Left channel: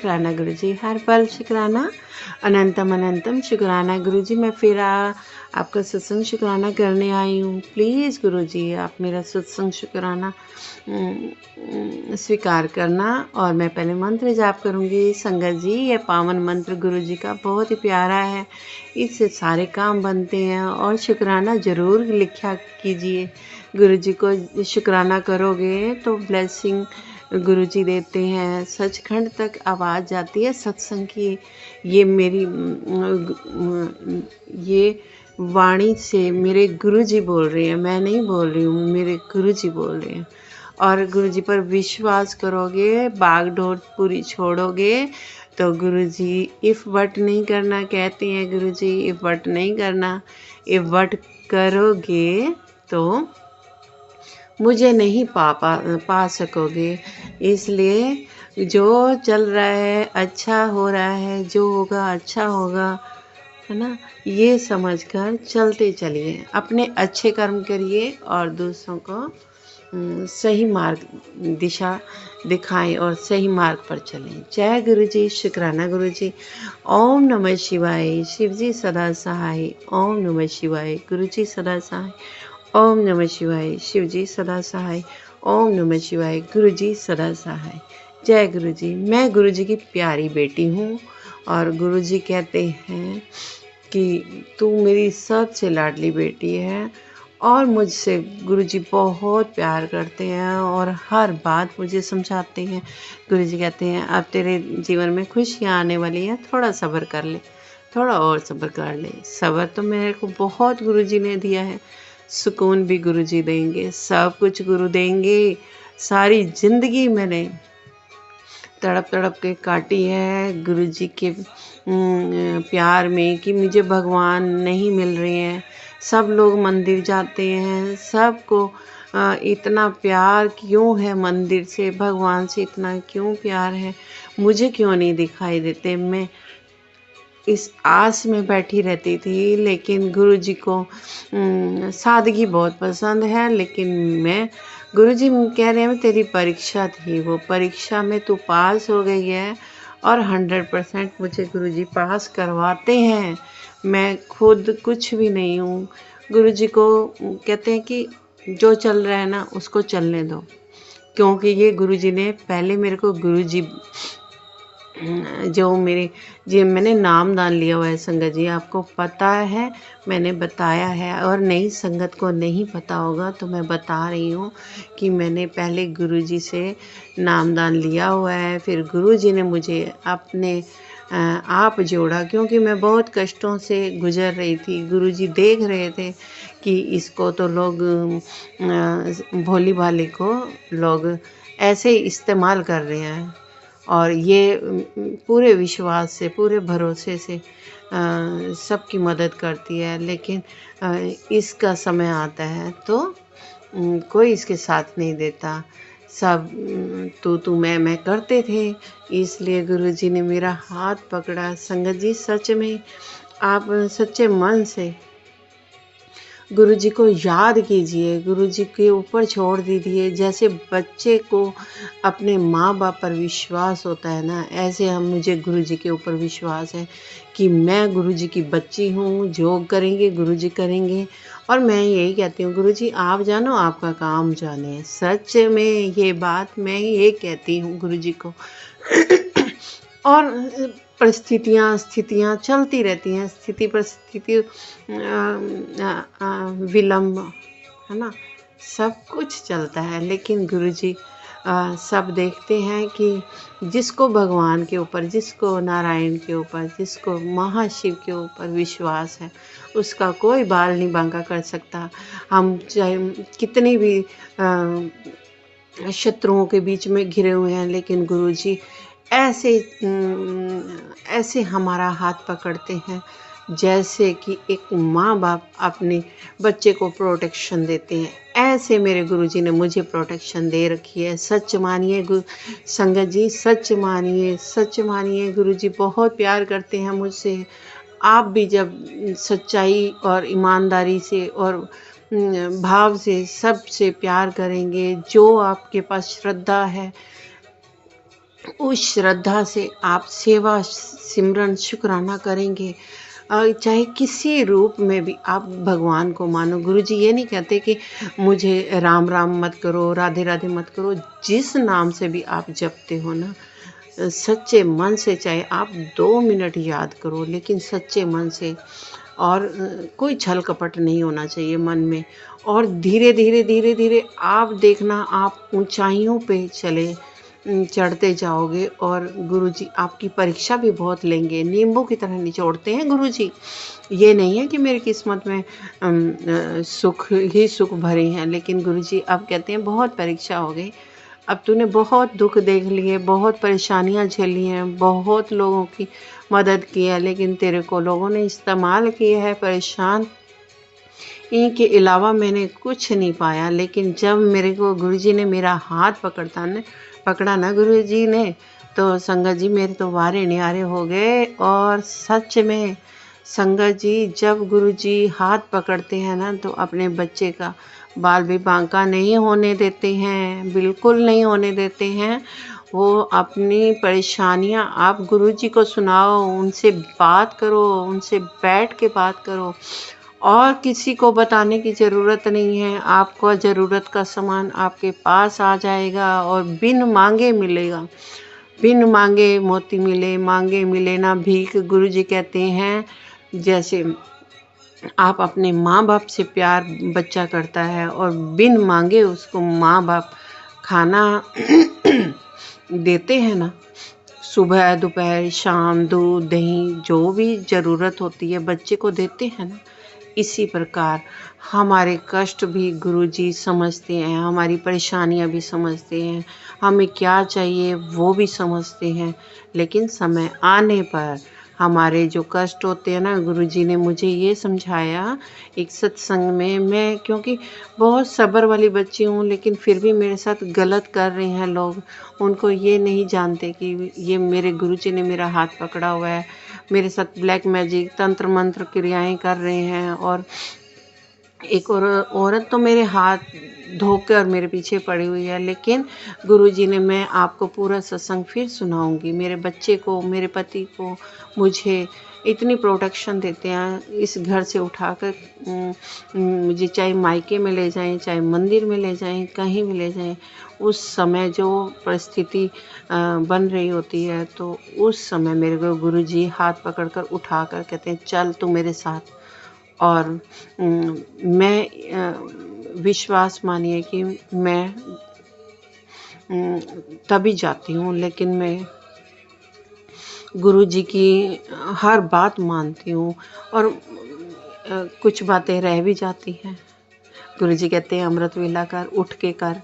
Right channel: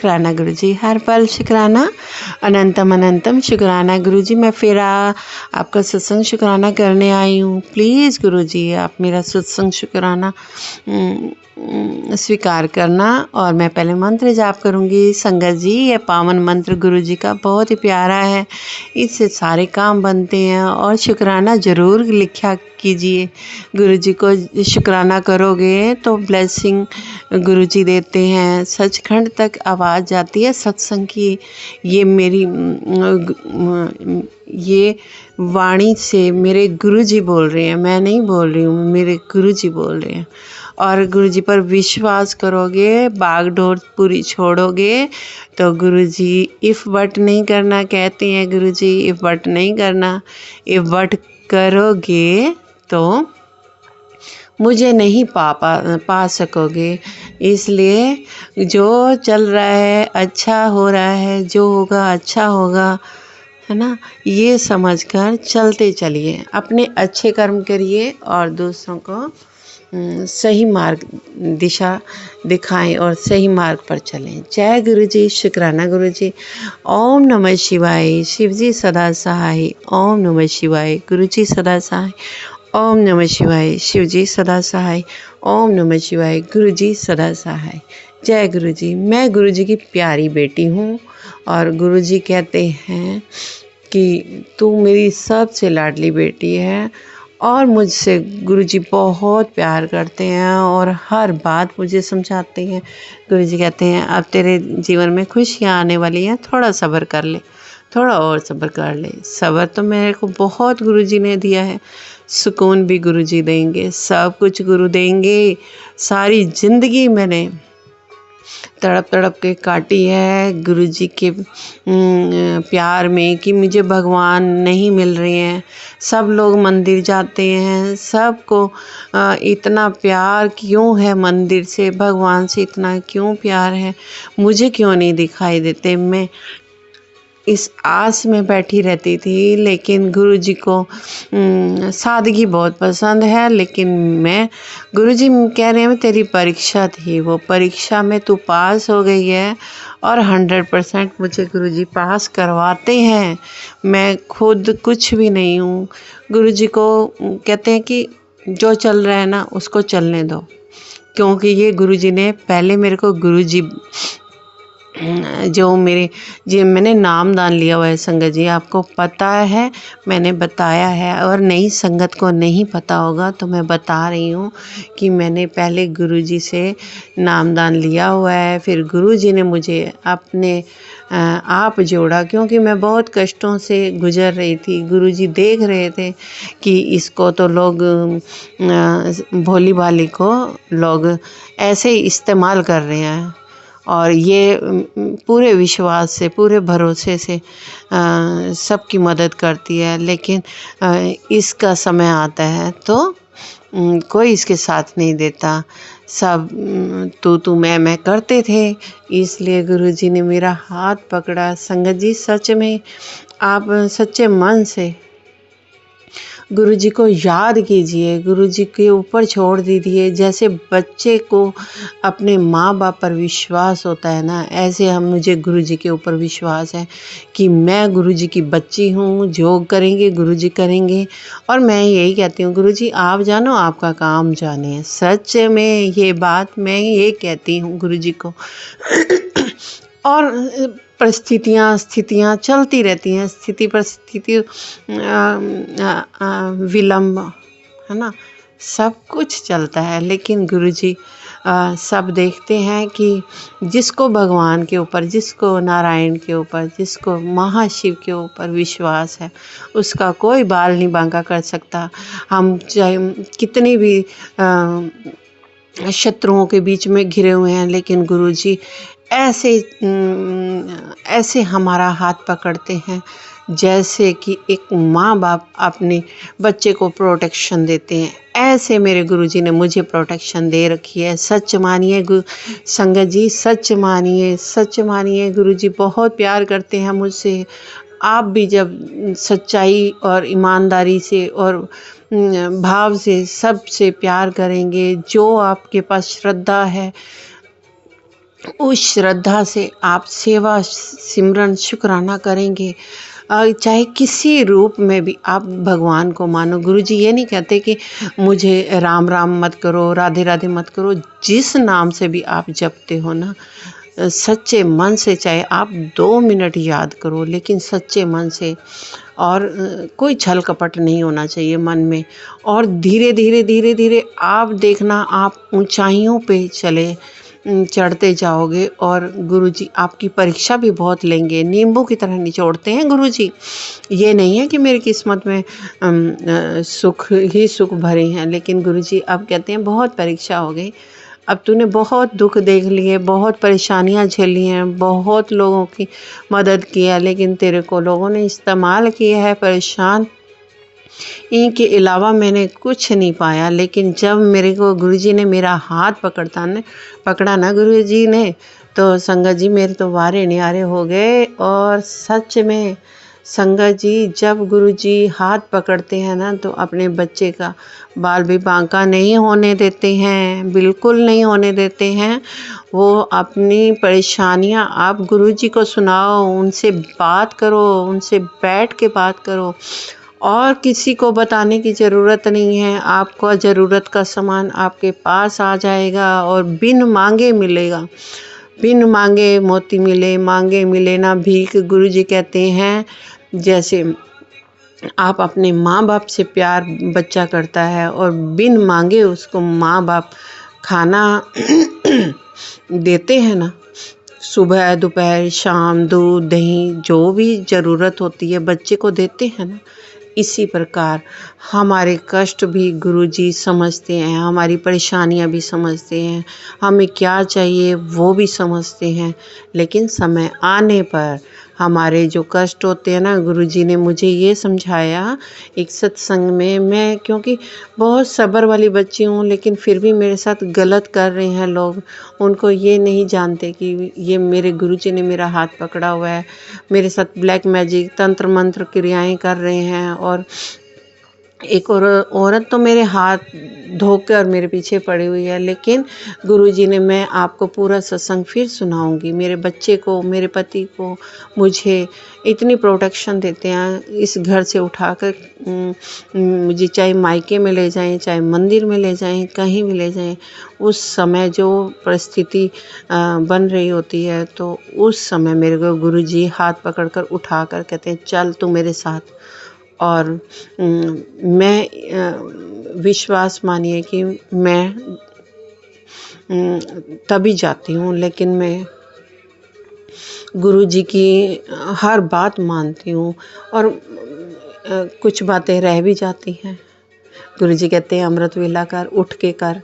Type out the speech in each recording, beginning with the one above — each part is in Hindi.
शुक्राना गुरुजी, हर पल शुक्राना, अनंतम अनंतम शुक्राना गुरुजी। मैं फिर आपका सत्संग शुक्राना करने आई हूँ। प्लीज़ गुरुजी आप मेरा सत्संग शुक्राना स्वीकार करना। और मैं पहले मंत्र जाप करूँगी। संगत जी, ये पावन मंत्र गुरुजी का बहुत ही प्यारा है, इससे सारे काम बनते हैं। और शुक्राना ज़रूर लिखा कीजिए। गुरुजी को शुक्राना करोगे तो ब्लेसिंग गुरुजी देते हैं। सचखंड तक आवाज़ जाती है सत्संग की। ये मेरी ये वाणी से मेरे गुरुजी बोल रहे हैं, मैं नहीं बोल रही हूँ, मेरे गुरुजी बोल रहे हैं। और गुरुजी पर विश्वास करोगे, बागडोर पूरी छोड़ोगे तो गुरुजी इफ़ बट नहीं करना कहते हैं। गुरुजी इफ़ बट नहीं करना, इफ़ बट करोगे तो मुझे नहीं पा सकोगे। इसलिए जो चल रहा है अच्छा हो रहा है, जो होगा अच्छा होगा, है ना, ये समझकर चलते चलिए। अपने अच्छे कर्म करिए और दूसरों को सही मार्ग दिशा दिखाएं और सही मार्ग पर चलें। जय गुरुजी, शुक्राना गुरुजी। ओम नमः शिवाय, शिवजी सदा सहाय। ओम नमः शिवाय, गुरुजी सदा सहाय। ओम नमः शिवाय, शिवजी सदा सहाय। ओम नमः शिवाय, गुरुजी सदा सहाय। जय गुरुजी। मैं गुरुजी की प्यारी बेटी हूँ और गुरुजी कहते हैं कि तू मेरी सबसे लाडली बेटी है। और मुझसे गुरुजी बहुत प्यार करते हैं और हर बात मुझे समझाते हैं। गुरुजी कहते हैं अब तेरे जीवन में खुशियाँ आने वाली हैं, थोड़ा सब्र कर ले, थोड़ा और सब्र कर ले। सब्र तो मेरे को बहुत गुरुजी ने दिया है, सुकून भी गुरुजी देंगे, सब कुछ गुरु देंगे। सारी ज़िंदगी मैंने तड़प तड़प के काटी है गुरुजी के प्यार में कि मुझे भगवान नहीं मिल रहे हैं। सब लोग मंदिर जाते हैं, सबको इतना प्यार क्यों है मंदिर से, भगवान से इतना क्यों प्यार है, मुझे क्यों नहीं दिखाई देते। मैं इस आस में बैठी रहती थी, लेकिन गुरुजी को सादगी बहुत पसंद है। लेकिन मैं गुरुजी कह रहे हैं तेरी परीक्षा थी, वो परीक्षा में तू पास हो गई है। और 100% मुझे गुरुजी पास करवाते हैं। मैं खुद कुछ भी नहीं हूँ। गुरुजी को कहते हैं कि जो चल रहा है ना उसको चलने दो, क्योंकि ये गुरुजी ने पहले मेरे को गुरुजी जो मेरे जी मैंने नाम दान लिया हुआ है। संगत जी आपको पता है, मैंने बताया है। और नई संगत को नहीं पता होगा तो मैं बता रही हूँ कि मैंने पहले गुरुजी से नाम दान लिया हुआ है, फिर गुरुजी ने मुझे अपने आप जोड़ा, क्योंकि मैं बहुत कष्टों से गुजर रही थी। गुरुजी देख रहे थे कि इसको तो लोग भोली भाली को लोग ऐसे ही इस्तेमाल कर रहे हैं, और ये पूरे विश्वास से, पूरे भरोसे से सबकी मदद करती है। लेकिन इसका समय आता है तो कोई इसके साथ नहीं देता। सब तू मैं करते थे, इसलिए गुरुजी ने मेरा हाथ पकड़ा। संगत जी सच में आप सच्चे मन से गुरुजी को याद कीजिए, गुरुजी के ऊपर छोड़ दीजिए। जैसे बच्चे को अपने माँ बाप पर विश्वास होता है ना, ऐसे हम मुझे गुरुजी के ऊपर विश्वास है कि मैं गुरुजी की बच्ची हूँ। जो करेंगे गुरुजी करेंगे। और मैं यही कहती हूँ गुरुजी आप जानो आपका काम जाने। सच में ये बात मैं ये कहती हूँ गुरुजी को। और परिस्थितियाँ स्थितियाँ चलती रहती हैं, स्थिति परिस्थिति विलम्ब, है ना, सब कुछ चलता है। लेकिन गुरुजी सब देखते हैं कि जिसको भगवान के ऊपर, जिसको नारायण के ऊपर, जिसको महाशिव के ऊपर विश्वास है, उसका कोई बाल नहीं बांका कर सकता। हम चाहे कितनी भी शत्रुओं के बीच में घिरे हुए हैं, लेकिन गुरुजी ऐसे हमारा हाथ पकड़ते हैं जैसे कि एक माँ बाप अपने बच्चे को प्रोटेक्शन देते हैं। ऐसे मेरे गुरुजी ने मुझे प्रोटेक्शन दे रखी है। सच मानिए संगत जी, सच मानिए, सच मानिए। गुरुजी बहुत प्यार करते हैं मुझसे। आप भी जब सच्चाई और ईमानदारी से और भाव से सबसे प्यार करेंगे, जो आपके पास श्रद्धा है, उस श्रद्धा से आप सेवा सिमरन शुक्राना करेंगे, चाहे किसी रूप में भी आप भगवान को मानो। गुरुजी ये नहीं कहते कि मुझे राम राम मत करो, राधे राधे मत करो। जिस नाम से भी आप जपते हो ना, सच्चे मन से, चाहे आप 2 मिनट याद करो लेकिन सच्चे मन से, और कोई छल कपट नहीं होना चाहिए मन में। और धीरे धीरे धीरे धीरे आप देखना, आप ऊंचाइयों पे चढ़ते जाओगे, और गुरुजी आपकी परीक्षा भी बहुत लेंगे। नींबू की तरह निचोड़ते हैं गुरुजी। ये नहीं है कि मेरी किस्मत में सुख ही सुख भरे हैं, लेकिन गुरुजी अब कहते हैं बहुत परीक्षा हो गई। अब तूने बहुत दुख देख लिए, बहुत परेशानियां झेली हैं, बहुत लोगों की मदद की है, लेकिन तेरे को लोगों ने इस्तेमाल किया है, परेशान। इनके अलावा मैंने कुछ नहीं पाया। लेकिन जब मेरे को गुरुजी ने मेरा हाथ पकड़ा ना गुरुजी ने, तो संगत जी मेरे तो वारे न्यारे हो गए। और सच में संगत जी, जब गुरुजी हाथ पकड़ते हैं ना, तो अपने बच्चे का बाल भी बांका नहीं होने देते हैं, बिल्कुल नहीं होने देते हैं। वो अपनी परेशानियां आप गुरुजी को सुनाओ, उनसे बात करो, उनसे बैठ के बात करो, और किसी को बताने की ज़रूरत नहीं है। आपको ज़रूरत का सामान आपके पास आ जाएगा और बिन मांगे मिलेगा। बिन मांगे मोती मिले, मांगे मिले ना भीख। गुरुजी कहते हैं जैसे आप अपने माँ बाप से प्यार बच्चा करता है, और बिन मांगे उसको माँ बाप खाना देते हैं ना, सुबह दोपहर शाम, दूध दही जो भी ज़रूरत होती है बच्चे को देते हैं ना, इसी प्रकार हमारे कष्ट भी गुरुजी समझते हैं, हमारी परेशानियां भी समझते हैं, हमें क्या चाहिए वो भी समझते हैं। लेकिन समय आने पर हमारे जो कष्ट होते हैं ना, गुरुजी ने मुझे ये समझाया एक सत्संग में। मैं क्योंकि बहुत सब्र वाली बच्ची हूँ, लेकिन फिर भी मेरे साथ गलत कर रहे हैं लोग। उनको ये नहीं जानते कि ये मेरे गुरुजी ने मेरा हाथ पकड़ा हुआ है, मेरे साथ ब्लैक मैजिक तंत्र मंत्र क्रियाएं कर रहे हैं। और एक औरत तो मेरे हाथ धो के और मेरे पीछे पड़ी हुई है। लेकिन गुरुजी ने, मैं आपको पूरा सत्संग फिर सुनाऊंगी, मेरे बच्चे को, मेरे पति को, मुझे इतनी प्रोटेक्शन देते हैं। इस घर से उठाकर मुझे चाहे मायके में ले जाएं, चाहे मंदिर में ले जाएं, कहीं भी ले जाएं, उस समय जो परिस्थिति बन रही होती है, तो उस समय मेरे को गुरुजी हाथ पकड़कर उठाकर कहते हैं चल तू मेरे साथ। और मैं विश्वास मानिए कि मैं तभी जाती हूँ, लेकिन मैं गुरुजी की हर बात मानती हूँ। और कुछ बातें रह भी जाती हैं। गुरुजी कहते हैं अमृत वेला कर, उठ के कर,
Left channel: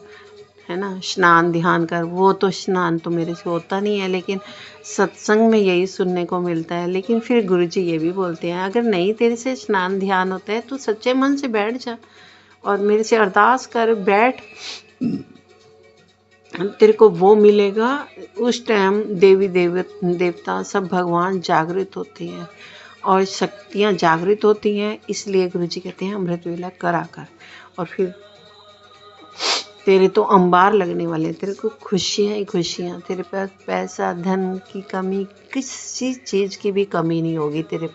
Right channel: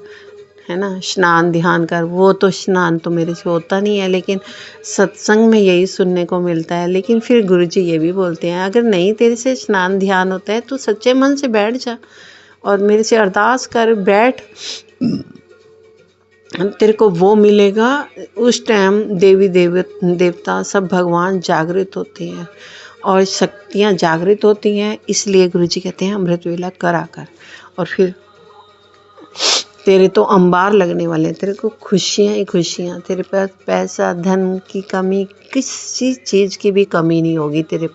है ना, स्नान ध्यान कर। वो तो स्नान तो मेरे से होता नहीं है, लेकिन सत्संग में यही सुनने को मिलता है। लेकिन फिर गुरुजी ये भी बोलते हैं अगर नहीं तेरे से स्नान ध्यान होता है तो सच्चे मन से बैठ जा और मेरे से अरदास कर, बैठ, तेरे को वो मिलेगा। उस टाइम देवी देवता सब भगवान जागृत होते हैं और शक्तियाँ जागृत होती हैं। इसलिए गुरुजी कहते हैं अमृत वेला करा कर, और फिर तेरे तो अंबार लगने वाले हैं, तेरे को खुशियाँ ही खुशियाँ। तेरे पास पैसा धन की कमी, किसी चीज़ की भी कमी नहीं होगी तेरे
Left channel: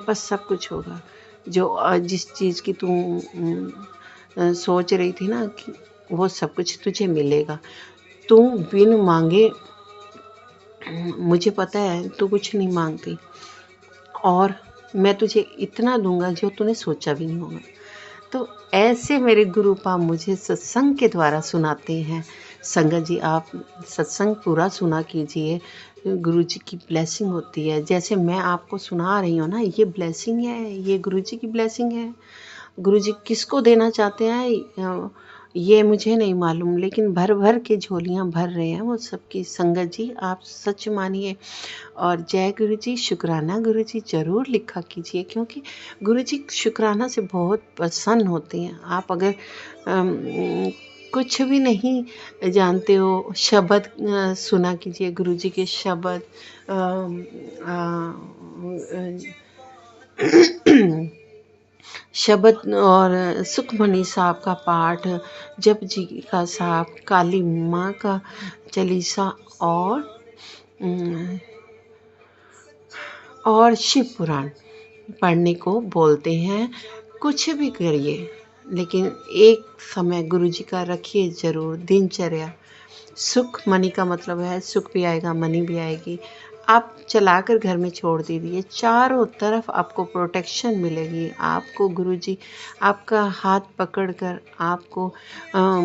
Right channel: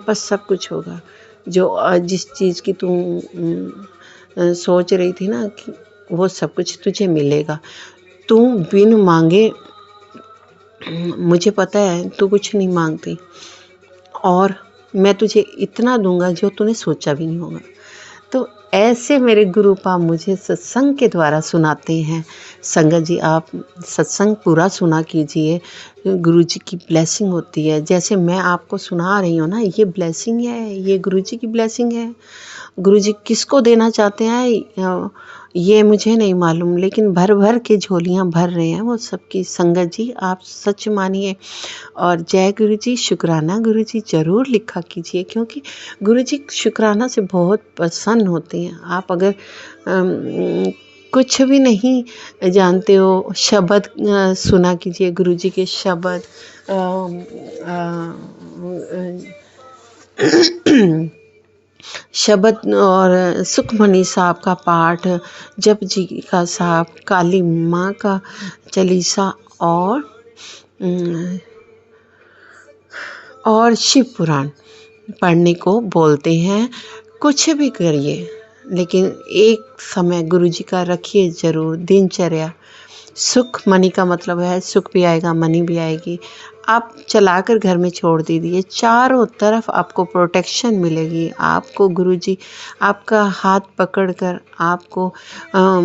पास सब कुछ होगा। जो जिस चीज़ की तू सोच रही थी ना, कि वो सब कुछ तुझे मिलेगा। तू बिन मांगे, मुझे पता है तू कुछ नहीं मांगती, और मैं तुझे इतना दूंगा जो तूने सोचा भी नहीं होगा। तो ऐसे मेरे गुरुपा मुझे सत्संग के द्वारा सुनाते हैं। संगत जी आप सत्संग पूरा सुना कीजिए, गुरुजी की ब्लेसिंग होती है। जैसे मैं आपको सुना रही हूँ ना, ये ब्लेसिंग है, ये गुरुजी की ब्लेसिंग है। गुरुजी किसको देना चाहते हैं ये मुझे नहीं मालूम, लेकिन भर भर के झोलियाँ भर रहे हैं वो सबकी। संगत जी आप सच मानिए, और जय गुरु जी, शुक्राना गुरु जी ज़रूर लिखा कीजिए, क्योंकि गुरु जी शुक्राना से बहुत प्रसन्न होते हैं। आप अगर कुछ भी नहीं जानते हो, शब्द सुना कीजिए गुरु जी के शब्द। शब्द और सुखमणि साहब का पाठ, जप जी का साहब, काली माँ का चालीसा, और और शिव पुराण पढ़ने को बोलते हैं। कुछ भी करिए लेकिन एक समय गुरुजी का रखिए ज़रूर दिनचर्या। सुख मनी का मतलब है सुख भी आएगा मनी भी आएगी। आप चलाकर घर में छोड़ दीजिए, चारों तरफ आपको प्रोटेक्शन मिलेगी। आपको गुरुजी आपका हाथ पकड़कर आपको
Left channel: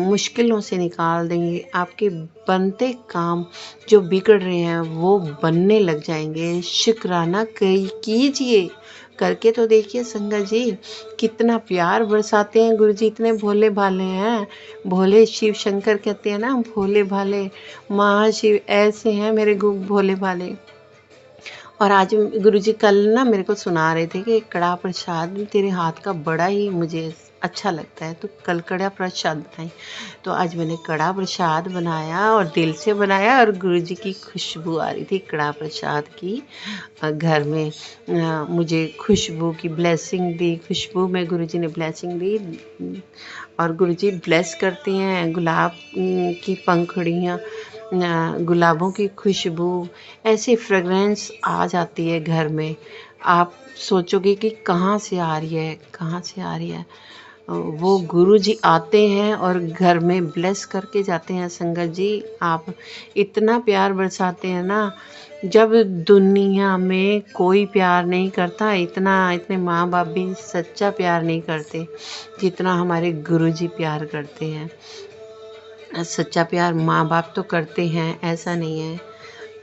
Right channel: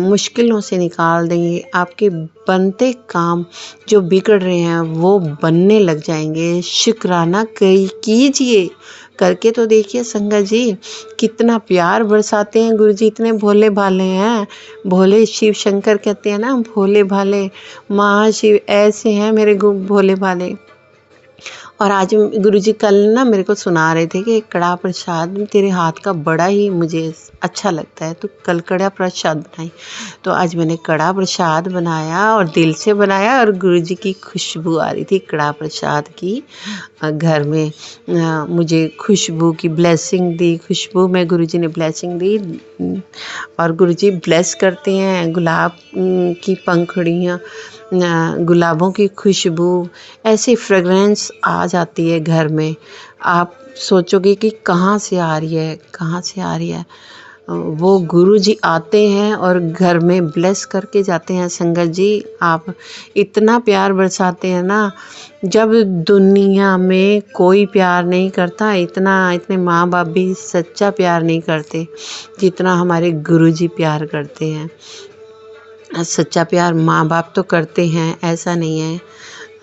मुश्किलों से निकाल देंगे। आपके बनते काम जो बिगड़ रहे हैं वो बनने लग जाएंगे। शुक्राना कीजिए, करके तो देखिए संगत जी, कितना प्यार बरसाते हैं गुरुजी। इतने भोले भाले हैं, भोले शिव शंकर कहते हैं ना, भोले भाले महाशिव ऐसे हैं मेरे भोले भाले। और आज गुरुजी कल ना मेरे को सुना रहे थे कि कड़ा प्रसाद तेरे हाथ का बड़ा ही मुझे अच्छा लगता है, तो कल कड़ा प्रसाद बनाई। तो आज मैंने कड़ा प्रसाद बनाया और दिल से बनाया, और गुरुजी की खुशबू आ रही थी कड़ा प्रसाद की। घर में मुझे खुशबू की ब्लेसिंग दी, खुशबू में गुरुजी ने ब्लेसिंग दी। और गुरुजी ब्लेस करते हैं गुलाब की पंखुड़ियाँ, गुलाबों की खुशबू, ऐसी फ्रेगरेंस आ जाती है घर में। आप सोचोगे कि कहाँ से आ रही है, कहाँ से आ रही है। वो गुरुजी आते हैं और घर में ब्लेस करके जाते हैं। संगत जी, आप इतना प्यार बरसाते हैं ना, जब दुनिया में कोई प्यार नहीं करता, इतने माँ बाप भी सच्चा प्यार नहीं करते जितना हमारे गुरुजी प्यार करते हैं। सच्चा प्यार माँ बाप तो करते हैं, ऐसा नहीं है।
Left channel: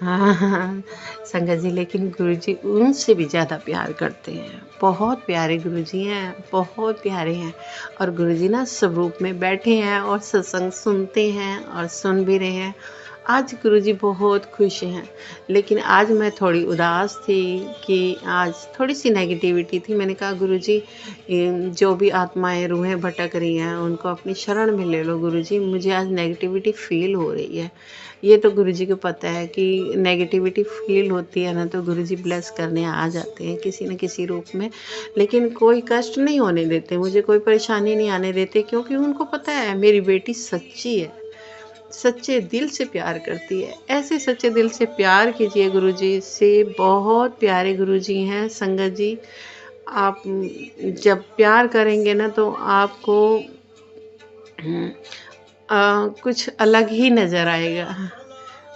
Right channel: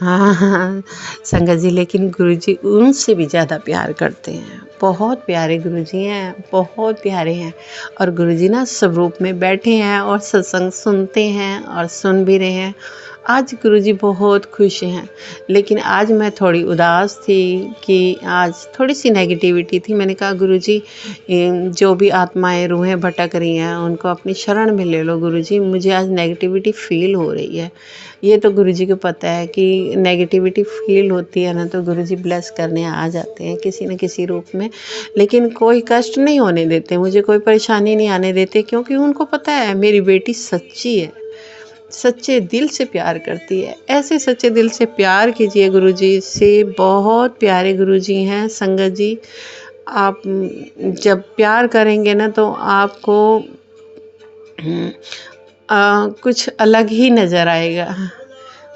हाँ संगत जी, लेकिन गुरुजी उनसे भी ज़्यादा प्यार करते हैं। बहुत प्यारे गुरुजी हैं, बहुत प्यारे हैं। और गुरुजी ना स्वरूप में बैठे हैं और सत्संग सुनते हैं और सुन भी रहे हैं। आज गुरुजी बहुत खुश हैं, लेकिन आज मैं थोड़ी उदास थी कि आज थोड़ी सी नेगेटिविटी थी। मैंने कहा गुरुजी, जो भी आत्माएं रूहें भटक रही हैं उनको अपनी शरण में ले लो गुरुजी, मुझे आज नेगेटिविटी फील हो रही है। ये तो गुरुजी को पता है कि नेगेटिविटी फील होती है ना, तो गुरुजी ब्लेस करने आ जाते हैं किसी न किसी रूप में। लेकिन कोई कष्ट नहीं होने देते, मुझे कोई परेशानी नहीं आने देते, क्योंकि उनको पता है मेरी बेटी सच्ची है, सच्चे दिल से प्यार करती है। ऐसे सच्चे दिल से प्यार कीजिए गुरुजी से। बहुत प्यारे गुरुजी हैं संगत जी। आप जब प्यार करेंगे ना तो आपको कुछ अलग ही नज़र आएगा।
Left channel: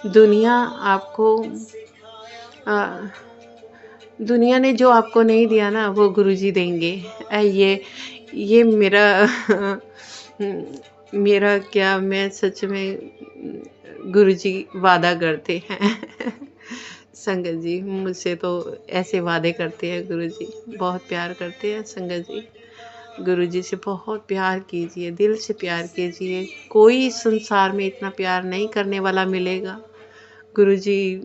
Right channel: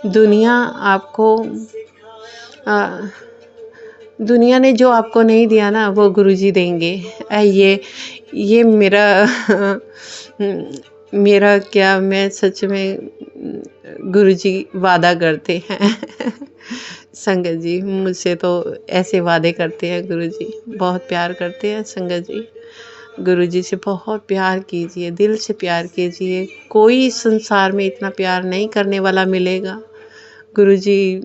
दुनिया आपको दुनिया ने जो आपको नहीं दिया ना वो गुरुजी देंगे। ये मेरा मेरा क्या, मैं सच में गुरुजी वादा करते हैं संगत जी, मुझसे तो ऐसे वादे करते हैं गुरुजी, बहुत प्यार करते हैं संगत जी। गुरुजी से बहुत प्यार कीजिए, दिल से प्यार कीजिए। कोई संसार में इतना प्यार नहीं करने वाला मिलेगा। गुरुजी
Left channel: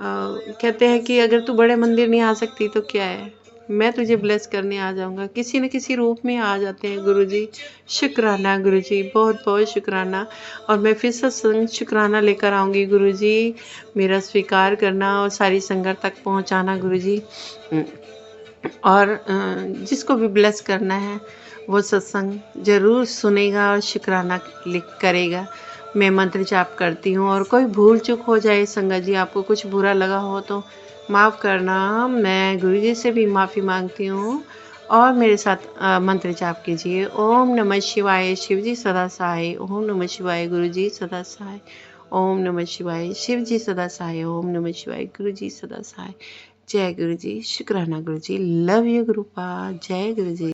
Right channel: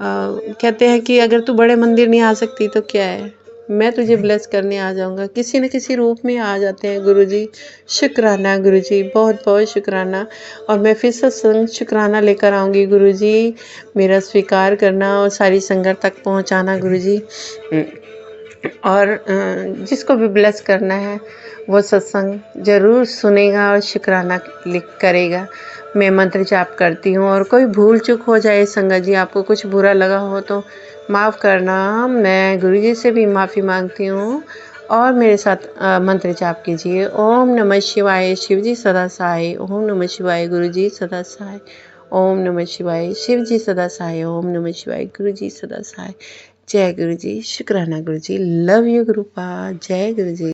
कहते हैं कि अगर तू बड़े मंदिर नहीं आ सकती तो क्या है, मैं तुझे ब्लेस करने आ जाऊंगा। किसी न किसी रूप में आ जाते हैं गुरुजी। शुक्राना गुरुजी, बहुत बहुत शुक्राना। और मैं फिर सत्संग शुक्राना लेकर आऊँगी गुरुजी, मेरा स्वीकार करना और सारी संगत तक पहुँचाना गुरुजी। और जिसको भी ब्लेस करना है वो सत्संग ज़रूर सुनेगा और शुक्राना करेगा। मैं मंत्र जाप करती हूँ, और कोई भूल चूक हो जाए संगत जी, आपको कुछ बुरा लगा हो तो माफ़ करना। मैं गुरुजी से भी माफ़ी मांगती हूँ। और मेरे साथ मंत्र जाप कीजिए। ओम नमः शिवाय, शिवजी सदा सहाय। ओम नमः शिवाय, गुरुजी सदा सहाय। ओम नमः शिवाय, शिवजी सदा सहाय। ओम नमः शिवाय, गुरुजी सदा सहाय। जय गुरुजी, शुक्राना गुरुजी, लव यू गुरुपा, जय गुरुजी।